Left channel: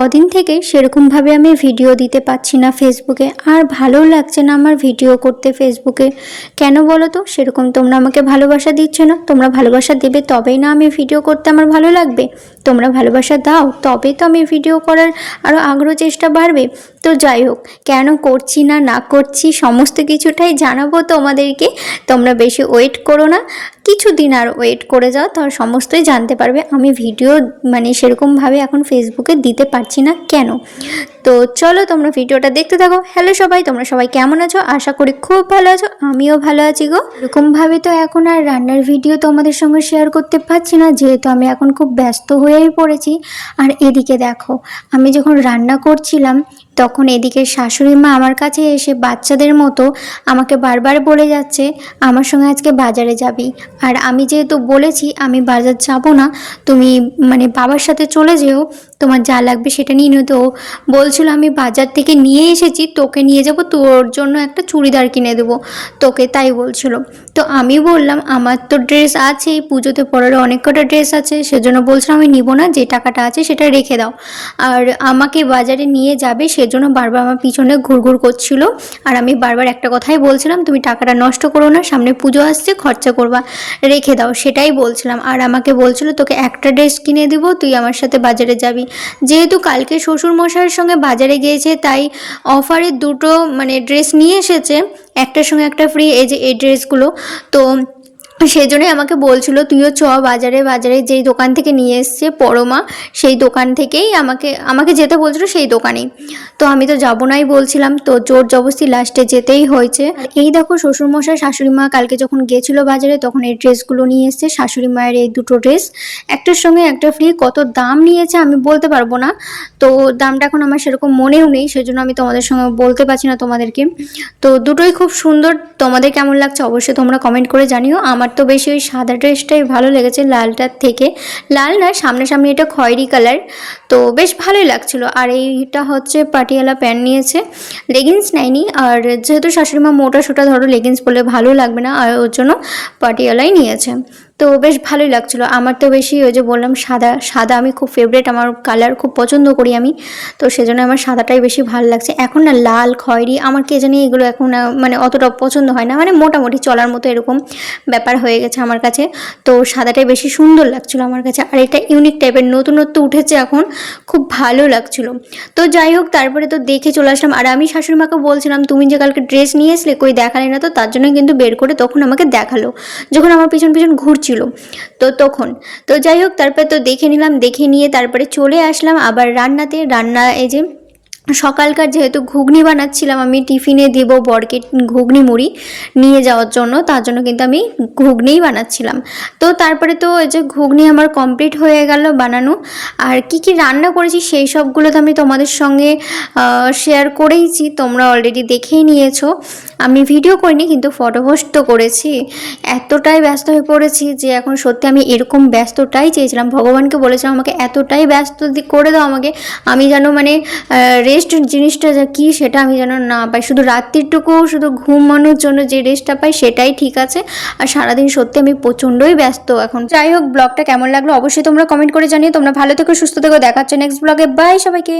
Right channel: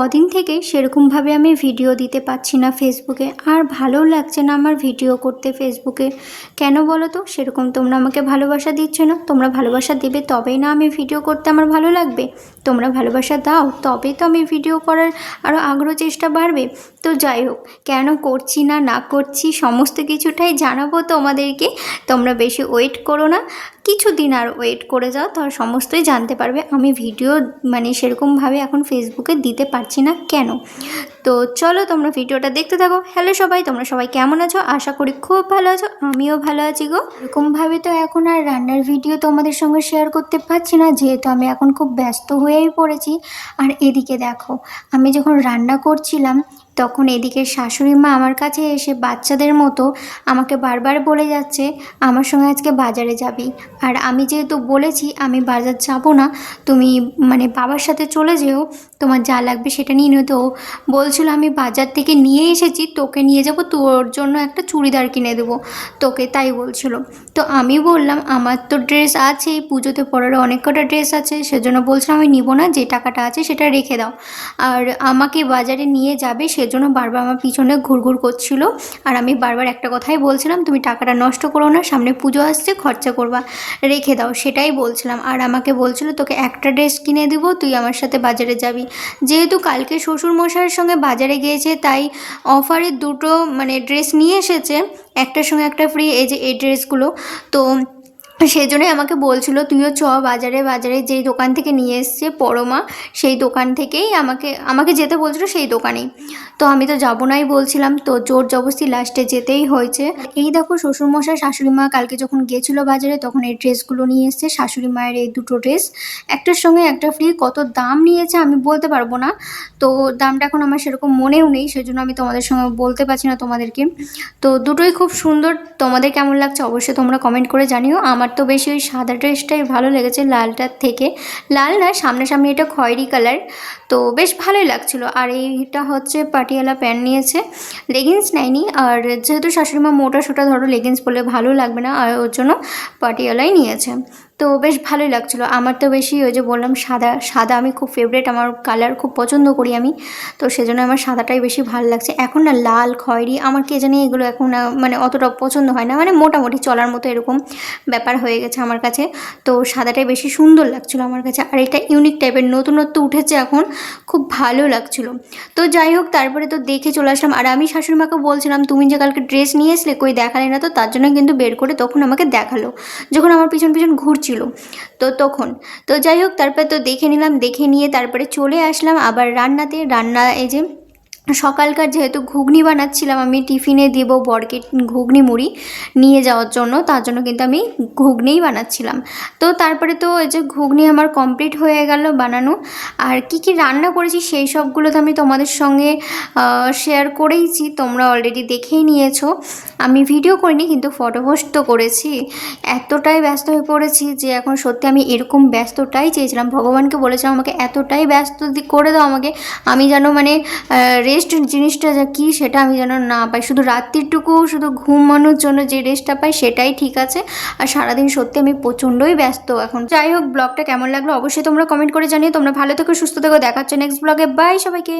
কদিন থেকে সেরকমভাবে আমি ভিডিও দিতে পারছি না ফেসবুকে, আর ভালোও লাগছে না আমার ভিডিও করতে ফেসবুকে। কেন বলো তো? সেরকম তোমরা আমাকে ভালোবাসা দিচ্ছ না। তোমরা ভালোবাসা দেবে তবেই না আমি ভিডিও করতে আমার ভালো লাগবে। তোমরা ভালোবাসা দাও তবেই তো আমি ভিডিও করার আরও আগ্রহ চেষ্টা বাড়বে। তো যাই হোক, কেন করছি না না করছি সমস্ত কিছুটাই জানাবো তোমাদেরকে। তোমরা বেশি ওয়েট করো না, কিছুদিন আর ওয়েট করে যাও, তার সমস্তই জানতে পারবে আমি ভিডিও সেরকমভাবে এখন ফেসবুকে দিতে পারছি না কেন। তো চলো তোমরা ভিডিওটা দেখতে থাকো। হ্যালো সবাই, তোমরা সবাই কেমন আছো? আশা করি খুব ভালো আছো, আমিও ভালো আছি গো। এরকমভাবে তো এখন আর রান্নার ভিডিও তোমাদের সঙ্গে শেয়ার করতে পারছি না, যেহেতু আমি এখন খুব ব্যস্ত হয়েই পড়েছি। আর এদিকে দেখো, আমি যখন রান্না করছিলাম তখন এদিকে শাশুড়ি মা আমার কাছে এসে বাচ্চাদের মতো আমাকে বারবার বলে যাচ্ছে আমার সঙ্গে আজকে বাজারে যাবি। আর আমি যেহেতু বলেছি আমি বাজার যাব না, তুমি বাবার সাথে চলে যেও, তোমার যা লাগবে সেটা নিয়ে নিও। তো বলছিল আমি বাজার থেকে নিয়ে এসেছি, তোকে নিয়ে যাব, তোর জন্য একটা চুড়িদার কিনে দেবো তোকে, তাই বলছিল। তো আমি বললাম আমার তো ড্রেস আছে, পুজোতে পরার অনেক কটা ড্রেস আছে, সেজন্য বলছিলাম আমি নিব না, যে টাকাটা আছে সেটা রেখে দাও। আর আমাকে বাজারে নিয়ে যাবে সেজন্য বারবার আমার পিছনে ঘুরঘুর করছিল। আর আমি বারবার একটা কথাই বলছিলাম, তুমি টাকাটা নষ্ট করো না, সামনে পুজো আসছে, খরচা করবা, রেখে দাও, সেটাই বলছিলাম। আর আমাকে বলছিল তোকে একটা ড্রেস কিনে দেবো, তুই আমার সাথে বাজারে যাবি। যেহেতু কালকে শ্বশুরমশাইয়ের সঙ্গে বাজারে গিয়েছে, তাই অফারে দুটো ড্রেস নিয়ে এসেছে, একটার সঙ্গে একটা ফ্রি, এই যে এই ড্রেসগুলো। তো সেই জন্যই আমাকে বলছিল তুইও চ বাজারে, বাজারে যেই দোকান থেকে নিয়ে এসছে পরমা, সেই দোকান থেকেই আমাকে যেতে বলছিল, সেই দোকানেই। তো আমি তো যাবো নাই বলছিলাম, তো জোর জবরদস্তি লাস্টে যেতেই হয়েছে। এই দেখো শ্বশুরমশাই শাশুড়ি মা কালকে যখন গেছিলো বাজারে তখন এই ড্রেসগুলো নিয়ে এসছে, শাশুড়ি মায়ের এই দুটো ড্রেস, একটার সঙ্গে একটা ফ্রি। কত দাম নিয়েছে আমি বলতে পারবো না, তো দামটা এখন আমার সেরকম মনেও নেই, সেজন্য আমি তোমাদের সঙ্গে বলতে পারছি না তোমাদেরকে। তো দুটোই খুব সুন্দর, তোমাদের কেমন লাগছে অবশ্যই তোমরা কমেন্ট করে জানিও। আমার তো বেশি ওই সাদা ড্রেসটাই ভালো লেগেছে লালটার থেকে, লাল না সামনাসামনি এটা খয়েরি কালার, তো বেশ ভালোই লাগছিল। আর এইটা হচ্ছে পাটিয়ালা প্যান্ট নিয়েছে, লেগিংস নেয়নি। আর যেহেতু শাশুড়িমা মোটা সোটা ধরো লেগিংস পরলে ভালো লাগবে না, আর ওর জন্য পাটিয়ালাই নিয়েছে। তো বেশ ভালোই লাগছিলো। আমার তো বেশি ওই যে বললাম সাদা সাদা আমি খুব ফেভারিট, আমার কালার খুব পছন্দ করি আমি, তো সেজন্য আমার সাদাটাই বেশি ভালো লাগছে। এখন না লাল খয়েরি আমার কে জানি এগুলো এখন অতটা পছন্দ হয় না, মোটামুটি চলার মতো এরকম ব্যাপার হয়ে গেছে আমার কাছে। তো সাদাটাই বেশি সুন্দর লাগছিলো আমার কাছে, আর এটা ইউনিক টাইপের নতুনত্ব উঠেছে এখন, খুব ভালো লাগছিলো। তো যাই হোক, তারপরে তো দেখে চলে আসলাম। আর আমি শাশুড়ি মাকে বলছিলাম তুমি যে কালকে ড্রেস নিয়ে আসলে কই দেখালে না, তো তার জন্য কিন্তু বের করে তখন আমাকে দেখালো যখন আমার পিছন পিছন ঘুরছিল, তো তখন। তো যাই হোক, তারপরে তো দেখে নিলাম, দেখে নিয়ে তারপরে চলে আসলাম আবার রান্নাতে। রান্না এই যে সকালকার যেহেতু ঘুগনি বানাচ্ছিলাম, আমি টিফিনে দেব বরকে ঘুগনি মুড়ি নিয়ে যাওয়ার জন্য, তার জন্য কিন্তু আমি ঘুগনিই বানাচ্ছিলাম। তো তারপরে তো এই যে ঘুগনি আমার কমপ্লিট হয়ে গেল বানানো। আর কি কি রান্না করেছি সেই সবগুলো তো আমি তোমাদের সঙ্গে শেয়ার করেইছি, তোমরা অলরেডি দেখেই নিয়েছো। আমি ভিডিও করিনি কিন্তু ফটো পোস্ট তো করেছি। এতটাই ব্যস্ত হয়ে পড়েছি যে এখন সত্যি আমি এরকম ব্যস্তটাই চেয়েছিলাম, ভগবানকে বলেছিলাম আমাকে এতটাই ব্যস্ত করে দাও আমাকে, আমি যেন রেস্ট জিনিসটা যা কি সেটা আমি যেন না পাই, শুধু রাত্রিটুকু শুধু ঘুমানোর জন্য যে রেস্টটা পাই সেটাই ঠিক আছে। আর সারাদিন সত্যি আমি প্রচণ্ডই ব্যস্ত এখন। যাই হোক, ব্লগটা কেমন লাগলো অবশ্যই তোমরা কমেন্ট করে জানিও। তোমরা ভালো থেকো, সুস্থ থেকো, দেখা হচ্ছে নেক্সট ব্লগে। বাই সবাইকে।